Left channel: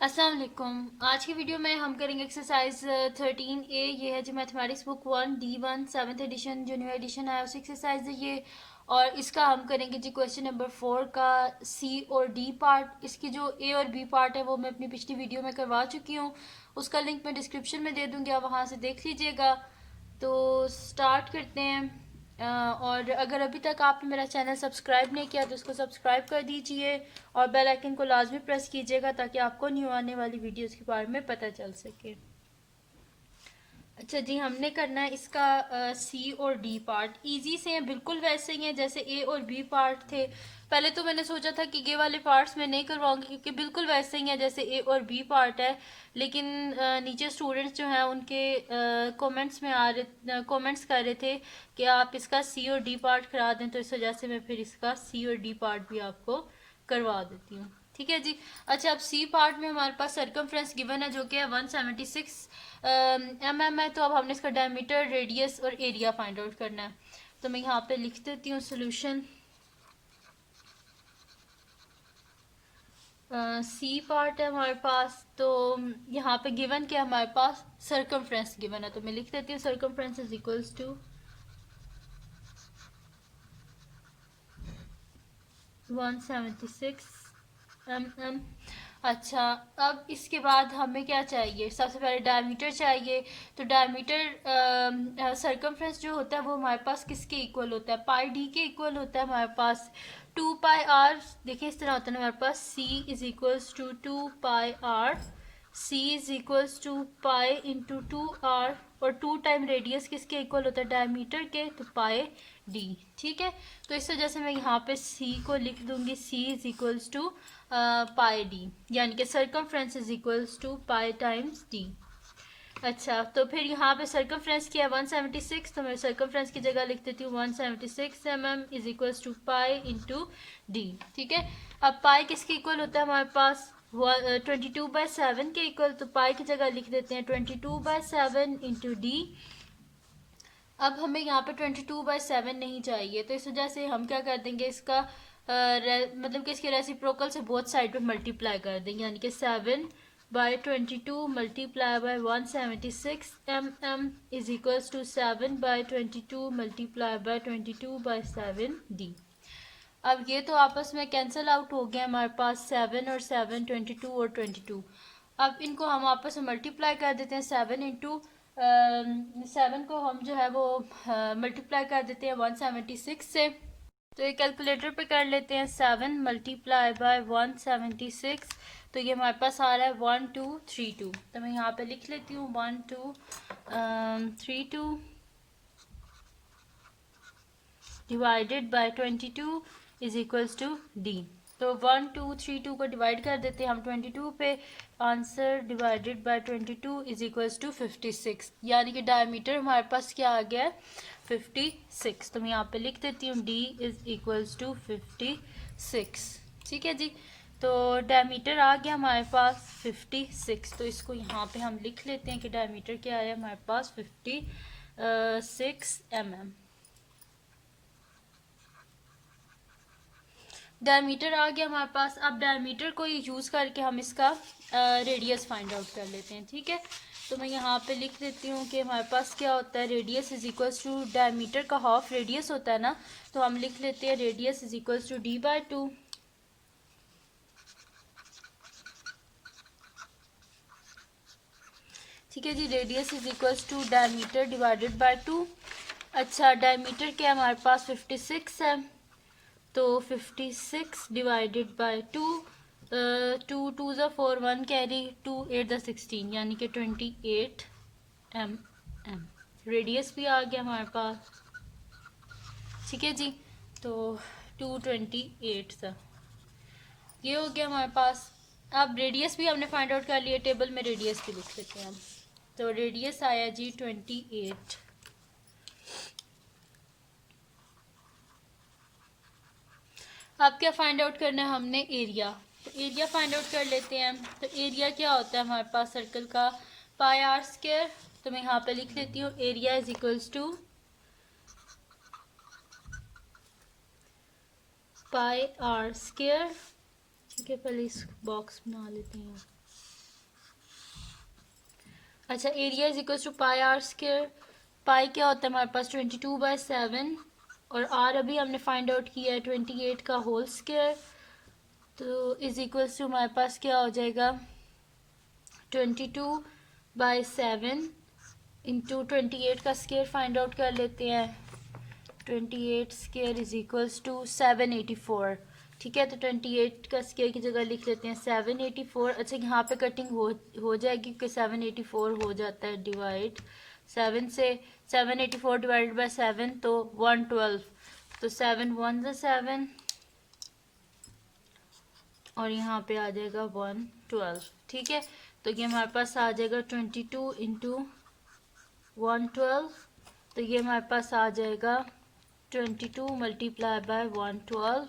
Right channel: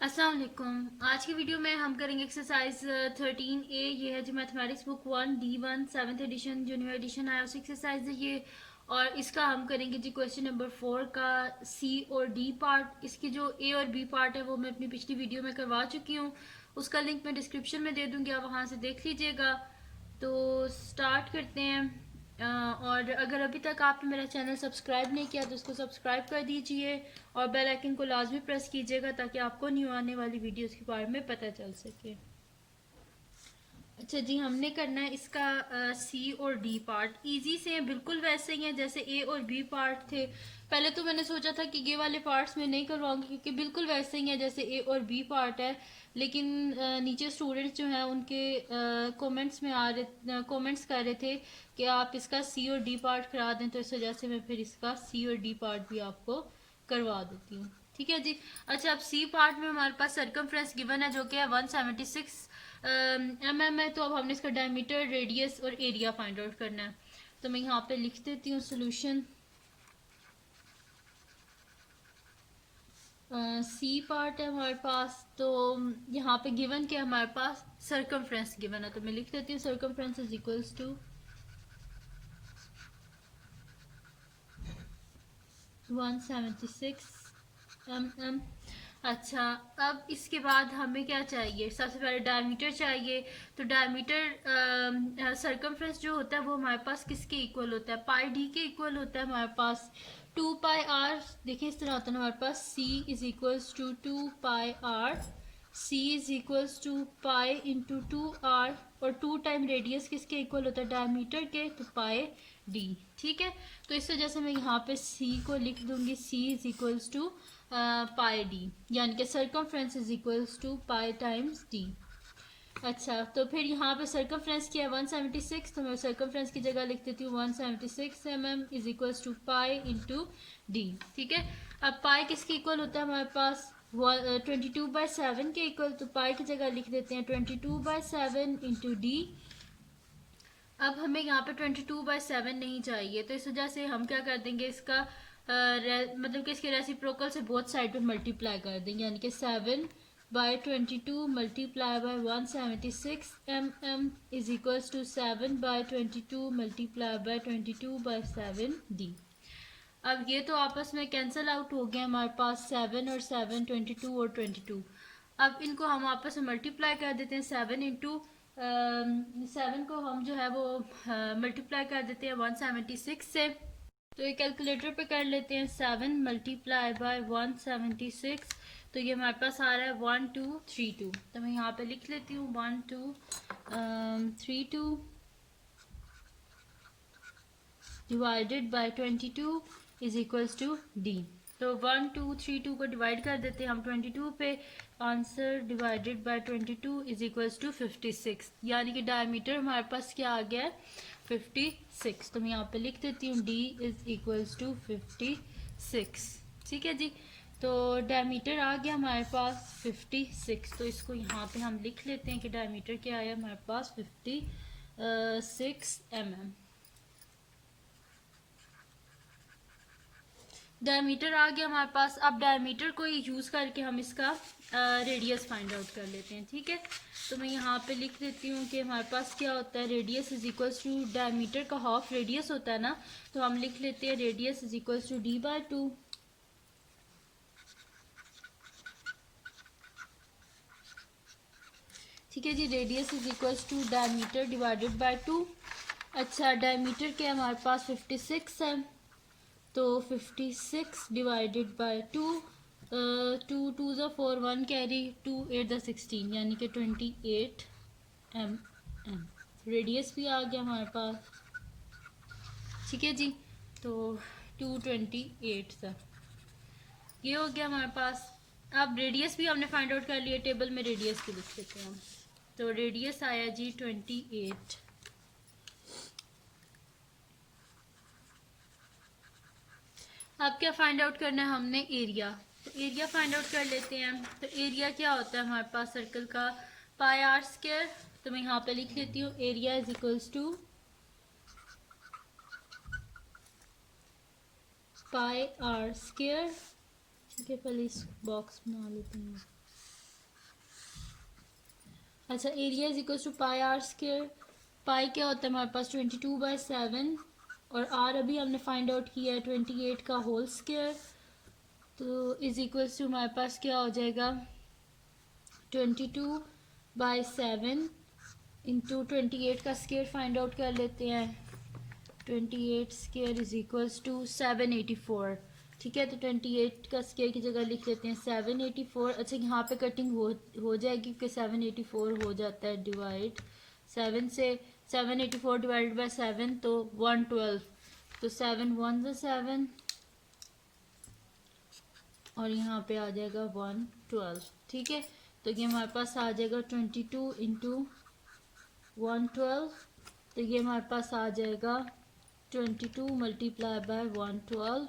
अस्सलाम वालेकुम। आज की वीडियो में हम करेंगे एक्सरसाइज 13A। ये है जी mathematics book 1D1 7th edition जो न्यू एडिशन आया उस एक्सरसाइज है ये। और इसका हम करेंगे जी क्वेश्चन नंबर 4 का सी और डी पार्ट। इसकी जो ए और बी पार्ट है वो मैं अपनी पिछली वीडियो में करवा चुकी हूँ, उसका लिंक मैं डिस्क्रिप्शन में दे दूँगी, आप वहाँ से देख लीजिएगा। तो स्टार्ट करते हैं। और अगर अभी तक आपने मेरा चैनल सब्सक्राइब नहीं किया तो इसको सब्सक्राइब कर दीजिए और बेल आइकन को लाजमी प्रेस कीजिएगा ताकि आपको न्यू आने वाली वीडियोस के बारे में पता चल सके। अच्छा जी, हमने करना है इसका सी और डी पार्ट। इजी से हैं, बिल्कुल वैसे ही हैं जैसे ए और बी पार्ट थे। पहले तो मैंने सोचा था कि ये वाले पार्ट्स मैं नहीं करवाऊंगी क्योंकि बिल्कुल वैसे ही हैं जैसे ए और बी पार्ट है, लेकिन नीचे स्टूडेंट्स जो हैं उनके कमेंट्स कर रहे थे कि आप इसका सी और डी पार्ट करा दें, तो इस वजह से मैं फिर इसका सी और डी पार्ट भी आपको करवा देती हूँ। ठीक है जी। अच्छा, अब सी पार्ट में हमारे पास सरकमफ्रेंस गिवन है जो कि है 176 है। तो अब हमने इसका डायमीटर, रेडियस और एरिया फाइंड आउट करना है। तो मैं यहाँ पे लिख देती हूँ सोल्यूशन। सी पार्ट है हमारे पास, तो यहाँ पे गिवन क्या हमारे पास सरकमफ्रेंस गिवन है, तो मैं लिख देती हूँ circumference is equals to 176 mm। अच्छा, अब इसके बाद हमें क्या चाहिए, सबसे पहले डायमीटर चाहिए। तो डायमीटर सरकमफ्रेंस जो होता है वो हमारे पास किसके इक्वल होता है, पाई डी के इक्वल होता है हमारे पास। 2 पाई आर, देखिए इस तरह होता है हमारे पास, C is equals to 2 pi R. C is equals to pi into 2 R, और 2 टाइम रेडियस किसके इक्वल होता है, डायमीटर के, तो पाई डी। ठीक है, तो इस वजह से मैं यहाँ पे सी को लिख दूंगी, C is equals to pi D, यानी कि circumference is equals to pi times D. अच्छा, तो फिर यहाँ पे सरकमफ्रेंस किया 176, तो मैं सरकमफ्रेंस की जगह लिख देती हूँ 176 mm is equals to pi into D. ठीक है, अब पाई किसके इक्वल होता है हमारे पास, 22/7 के इक्वल, तो पाई की जगह लिख देते हैं 22/7 इंटू डी। अब हमें यहाँ पे 22/7 नहीं चाहिए, तो इस वजह से हम क्या कर देंगे, इसका मतलब कि इसके रेसिप्रोकल से बोथ साइड पे मल्टीप्लाई कर देंगे, यानी कि 7/22 multiply by 176 mm is equals to 7/22 multiply by 22/7 D. अब ये तो आपस में कैंसिल आउट हो गया हमारे पास, 7 और 7, 22 और 22। अब इनको हम आपस में मल्टीप्लाई कर देते हैं, 7 को हम जो है वो मल्टीप्लाई कर देते हैं 176 से। तो ये कैलकुलेटर पे कर लेते हैं, 7 मल्टीप्लाई बाय 176, तो ये हमारे पास आ रहा है 1232। तो मैं यहाँ पे लिख लेती हूँ 1232 divided by 22 is equals to D. तो 1232 को डिवाइड कर देते हैं हम 22 पे, answer divided by 22 is equals to 56, यानी कि डायमीटर हमारे पास क्या आ गया है, 56। तो मैं यहाँ पे लिख देती हूँ डी इज इक्वल्स टू 56। ठीक है जी, तो डायमीटर आ गया हमारे पास 56। तो इसको यहाँ पे हम लिख लेते हैं कि डायमीटर क्या है हमारे पास 56 mm। डायमीटर आ गया हमारे पास। अब डायमीटर को यूज़ करके हम इसका रेडियस फाइंड आउट कर लेते हैं। ठीक है, तो मैं यहाँ पे लिख देती हूँ कि हमारे पास क्या होता है, radius is equals to diameter का हाफ रेडियस होता है ना, तो हम लिख लेते हैं radius is equals to d/2। ठीक है जी, radius is equals to diameter divided by 2। अच्छा, डायमीटर क्या है हमारे पास 56 है, तो 56 डिवाइडेड बाय 2, 2 ज़ा 4, 1 कैरी, 2 8 ज़ा 16, यानी कि 28 mm। रेडियस भी आ गया हमारे पास। ठीक है जी, तो 228 सा ये हो गया हमारे पास। अब रेडियस भी हमने फाइंड आउट कर लिया, टेबल में रेडियस भी लिख लेते हैं हम। तो रेडियस आया जी 28। अब क्या फाइंड आउट करना है हमने, एरिया। तो एरिया फाइंड आउट कर लेते हैं। तो एरिया क्या होता है हमारे पास सर्कल का, पाई आर स्क्वायर। तो मैं यहाँ पे लिख लेती हूँ area is equals to pi R square. ठीक है, पहले इस बॉक्स बना लेते हैं। अच्छा, area is equal to pi R square. Pi क्या होता है हमारे पास 22/7, और आर अभी हमने फाइंड आउट किया है 28 का होल स्क्वायर। तो इज इक्वल टू हमारे पास क्या हो जाएगा 22/7 इंटू 28 का स्क्वायर फाइंड आउट कर लेते हैं। 28 स्क्वायर इज इक्वल्स टू 784। ठीक है, तो 28 का स्क्वायर की जगह लिख लेते हैं 784। अच्छा, यहाँ पे कटिंग हो जाएगी क्योंकि 784 हो जाता है डिवाइड 7 से। 784 डिवाइडेड बाय 7 तो 112, तो 7 1 ज़ा 7 और यहाँ पे आ जाएगा 112। ठीक है, तो ये हमारे पास आ जाएगा 22 इंटू 112, तो ये हमारे पास आ जाएगा 22 मल्टीप्लाई बाय 112,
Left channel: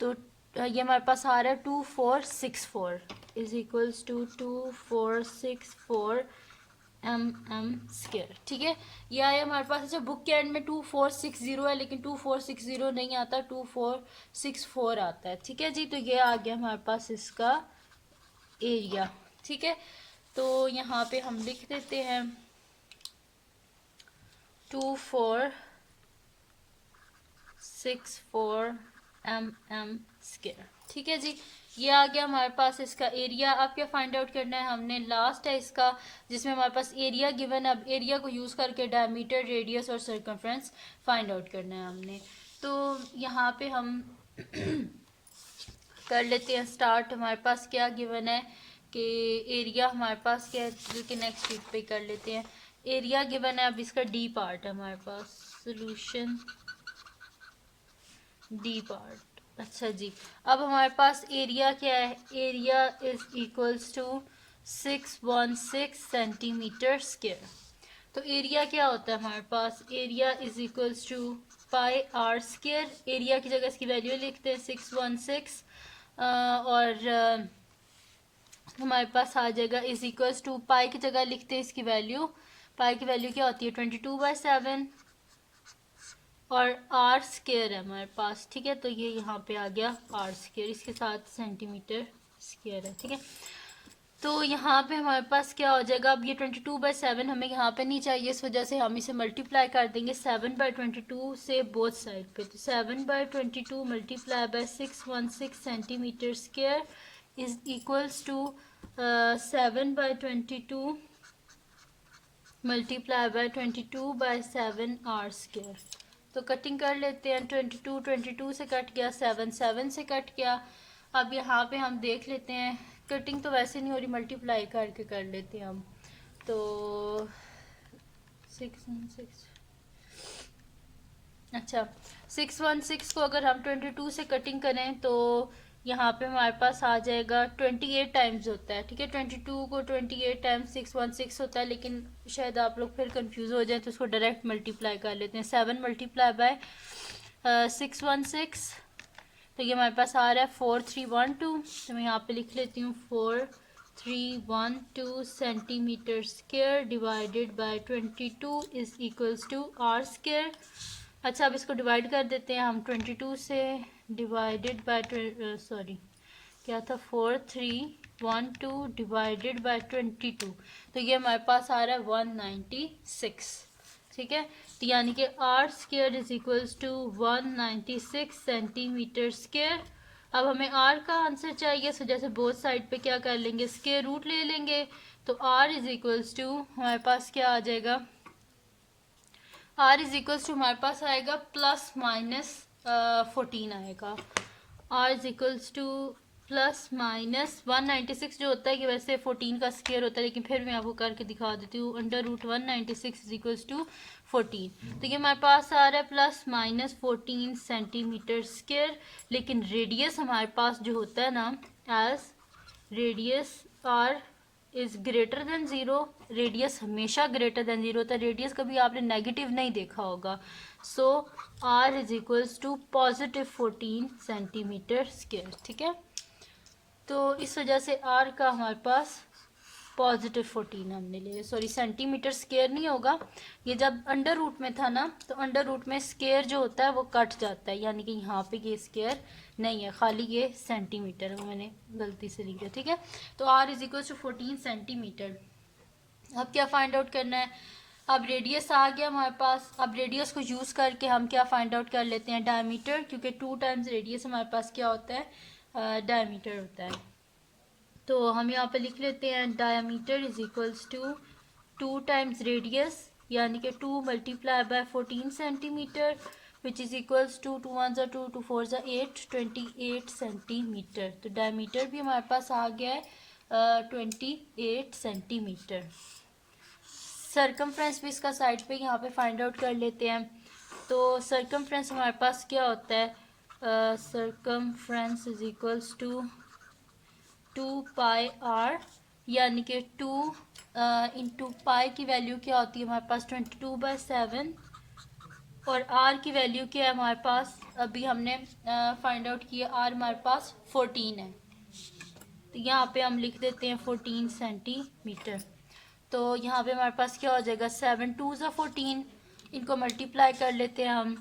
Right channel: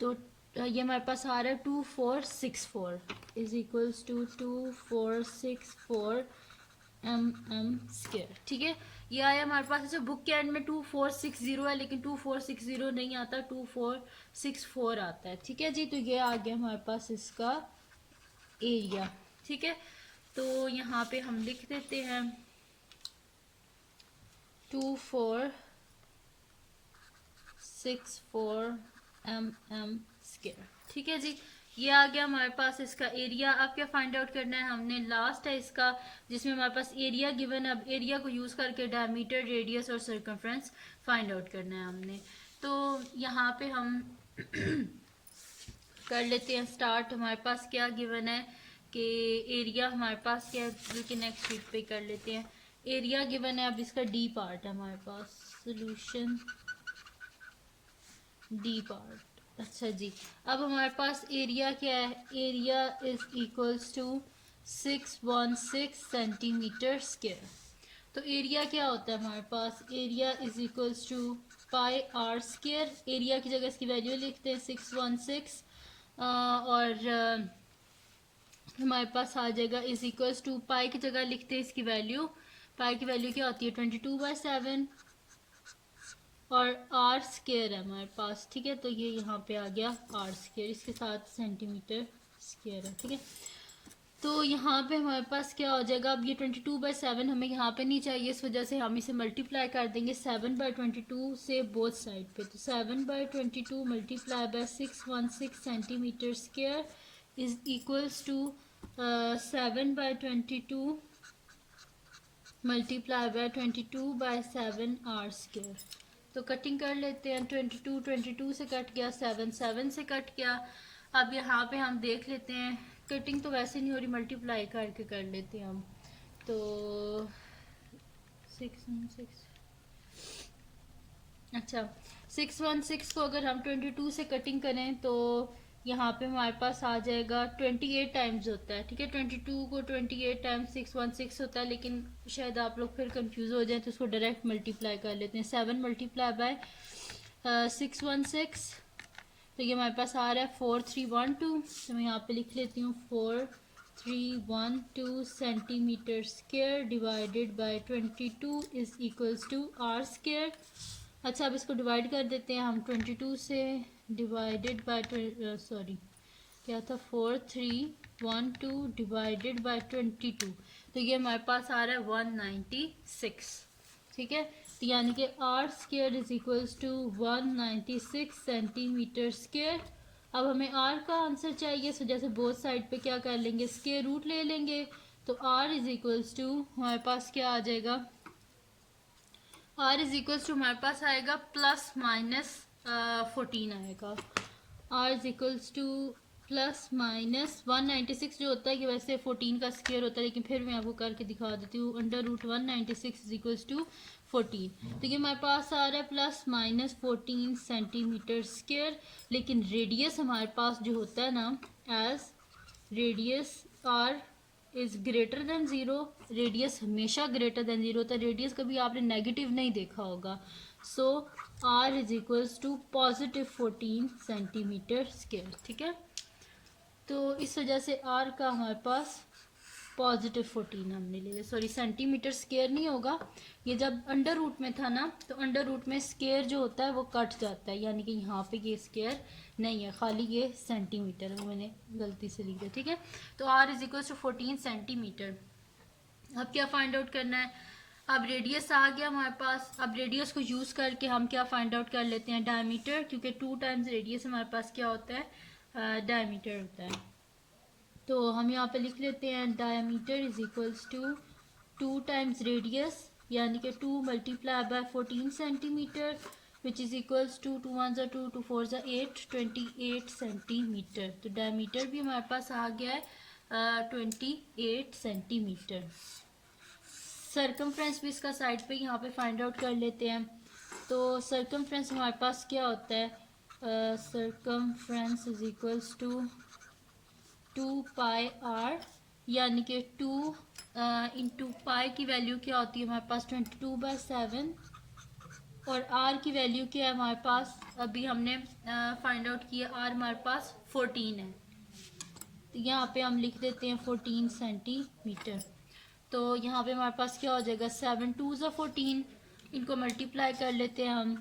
तो ये हमारे पास आ रहा है 2464 is equals to 2464 mm square. ठीक है, ये आया हमारे पास। अच्छा, बुक के एंड में 2460 है, लेकिन 2460 नहीं आता, 2464 आता है। ठीक है जी, तो ये आ गया हमारे पास इसका एरिया। ठीक है, तो यहाँ पे हम लिख देते हैं 2464 mm स्क्वायर। ठीक है जी, ये आ गया हमारे पास इसका एरिया। अब क्या फाइंड आउट करना है हमने, लास्ट है इसका, जिसमें हमारे पास एरिया गिवन है। अब एरिया को यूज़ करके डायमीटर, रेडियस और सर्कमफ्रेंस फाइंड आउट करना है हमने। तो यहाँ पे हम कर लेते हैं स्टार्ट। हमारे पास क्या गिवन है कि एरिया हमारे पास क्या है, बल्कि नेक्स्ट शीट पे कर लेते हैं। एरिया गिवन है, अब इसका डी पार्ट है हमारे पास, सोल्यूशन डी पार्ट। अच्छा जी, अब हमारे पास एरिया क्या है, area is equals to 616 centimetre square. तो एरिया क्या होता है हमारे पास, area is equals to pi R square. Area की जगह इसकी वैल्यू लिखते हैं 616, और हमारे पास आ जाएगा इज इक्वल्स टू पाई की जगह लिखते हैं इसकी वैल्यू। पाई की वैल्यू क्या होती है 22/7, और आर स्क्वायर है हमारे पास। ठीक है, तो ये यहाँ पे आ गया आर स्क्वायर, इसके साथ सेंटीमीटर स्क्वायर है। ठीक है, तो यहाँ पे हमारे पास क्या हो जाएगा, अब ये 22/7 हमें यहाँ पे नहीं चाहिए, इस वजह से हम इसे मल्टीप्लाई कर देंगे 7/22 से बोथ साइड पे। तो 7/22 multiply by 616 centimetre square is equals to 7/22 multiply by 22/7 R square. तो कटिंग कर लेते हैं, 22 से कट गया, 7 से कट गया। अब यहाँ पे हम देख लेते हैं, कटिंग तो वैसे नहीं हो रही, मल्टीप्लाई करके कर लेते हैं हम। तो 616, अच्छा 616 को अगर हम 22 से कटिंग करें तो यहाँ पे हमारे पास आ जाएगा 28 टाइम्स होता है। ठीक है, 22 को 28 टाइम्स 616 होता है, लेकिन शायद आप लोग फिर कंफ्यूज हो जाए तो उसको डायरेक्ट मल्टीप्लाई कर लेते हैं। 7 मल्टीप्लाई बाय 616, तो ये हमारे पास आ रहा है 4312। तो मैं यहाँ पे लिख लेती हूँ 4312 centimetre square divided by 22 is equals to R square. अच्छा, अब इसको डिवाइड कर देते हैं हम 22 से, डिवाइडेड बाय सॉरी क्या था 4312 डिवाइडेड बाय 22, तो ये हमारे पास आ रहा है 196। ठीक है, तो यानी कि R square is equals to 196 centimetre square. अब हमें आर का आंसर चाहिए, सो जैसे बोथ साइड पे क्या कर लेंगे, स्क्वायर रूट ले लेंगे। तो आर इज इक्वल्स टू हमारे पास क्या आ जाएगा, आर इज इक्वल्स टू हमारे पास आएगा प्लस माइनस 14 आएगा। R is equals to plus minus 196 जो होता है कि वैसे 14 का स्क्वायर होता है, लेकिन फिर मैं आपको करके दिखा देती हूँ। Under root 196 is equals to 14, तो ये हमारे पास आ रहा है प्लस माइनस 14 सेंटीमीटर स्क्वायर। लेकिन रेडियस हमारे पास जो होता है ना, as radius R is greater than zero, radius हमेशा ग्रेटर देन ज़ीरो होता है, रेडियस कभी आपने नेगेटिव नहीं देखा होगा। So R is equals to positive 14 centimetre square. ठीक है, तो इस वजह से आर का हमारे पास पॉजिटिव 14 हमने ले, सॉरी सेंटीमीटर स्क्वायर नहीं होगा, ये जब अंडर रूट में था ना, तो अंडर रूट में स्क्वायर जो होता है वो कट जाता है, यानी कि यहाँ पे ये स्क्वायर नहीं है, खाली ये सेंटीमीटर है, वो मैंने गलती से लिख दिया। ठीक है, तो R is equal to 14 centimetre. अब क्या फाइंड आउट करना है, अब रेडियस आ गया हमारे पास। अब रेडियस को यूज़ करके हम क्या फाइंड आउट कर लेते हैं, डायमीटर, क्योंकि 2 टाइम्स रेडियस हमारे पास क्या होता है, डायमीटर होता है। तो हम यहाँ पे लिख लेते हैं diameter is equals to 2 times radius, यानी कि 2 multiply by 14 centimetre, which is equals to 2 1 2 2 4 8 28 centimetre. तो डायमीटर भी हमारे पास आ गया है 28 सेंटीमीटर। सरकमफ्रेंस भी इसका साइड पे यहाँ पे फाइंड आउट कर लेते हैं। तो सरकमफ्रेंस हमारे पास क्या होता है, circumference is equals to 2πr, यानी कि 2 इंटू पाई की वैल्यू क्या होती है हमारे पास 22/7, और r की वैल्यू क्या है हमारे पास, अभी हमने फाइंड आउट किया, r हमारे पास 14 है, तो यहाँ पे हम लिख देते हैं 14 सेंटीमीटर। तो यहाँ पे हमारे पास क्या हो जाएगा, 7 2 ज़ा 14, इनको मल्टीप्लाई कर लेते हैं हम,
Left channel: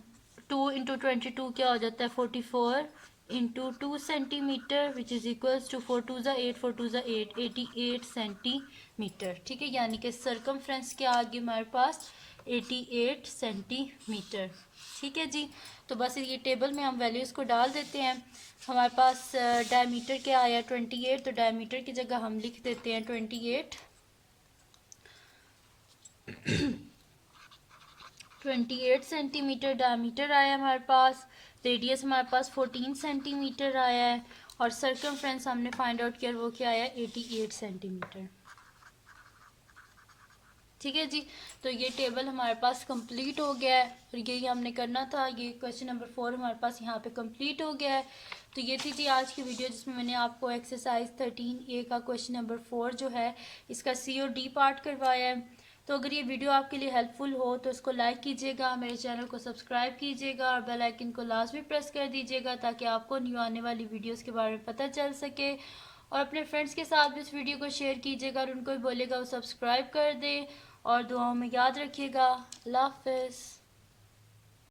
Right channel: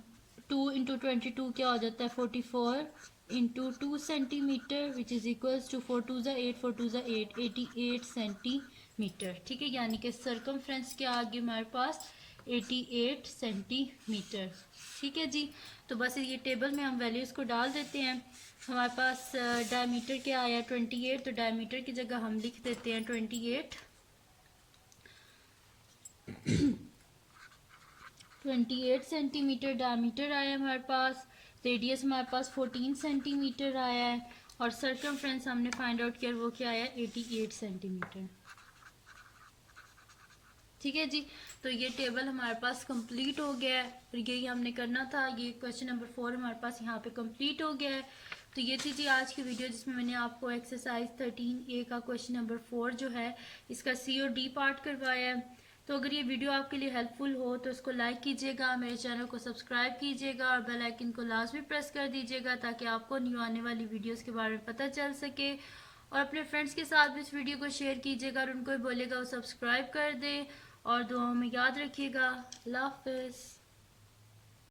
2 इंटू 22 क्या हो जाता है 44 into 2 centimetre, which is equals to 4 2 ज़ा 8 4 2 ज़ा 8 88 सेंटीमीटर। ठीक है, यानी कि सरकमफ्रेंस क्या आ गई हमारे पास 88 सेंटीमीटर। ठीक है जी, तो बस ये टेबल में हम वैल्यूज़ को डाल देते हैं। हमारे पास डायमीटर क्या आया 28, तो डायमीटर की जगह हम लिख देते हैं 28 सेंटीमीटर डायमीटर आया हमारे पास। रेडियस हमारे पास 14 सेंटीमीटर आया है, और सर्कमफ्रेंस हमने फाइंड आउट किया, वो क्या आया 88 सेंटीमीटर। ठीक है जी, तो ये टेबल हमारे पास कंप्लीट हो गया है, और यही हमने करना था। ये क्वेश्चन नंबर 4 हमारे पास यहाँ पे कंप्लीट हो गया है। तो ये थी जी आज की वीडियो, जिसमें मैंने आपको एक्सरसाइज 13A का क्वेश्चन नंबर 4 जो है इसका C और D पार्ट करवाया है। तो अगर ये वीडियो आपके लिए हेल्पफुल हो तो इसको लाइक कीजिएगा, मेरे चैनल को सब्सक्राइब कीजिएगा, और बेल आइकन को लाजमी प्रेस कर दीजिएगा, ताकि आपको न्यू आने वाली वीडियोज़ के बारे में पता चल सके। और अपने फ्रेंड्स के साथ भी इस वीडियो को शेयर कीजिएगा, और उनको भी बोलिएगा वो सब्सक्राइब कर दे। और दुआओं में याद रखिएगा। अल्लाह हाफ़िज़।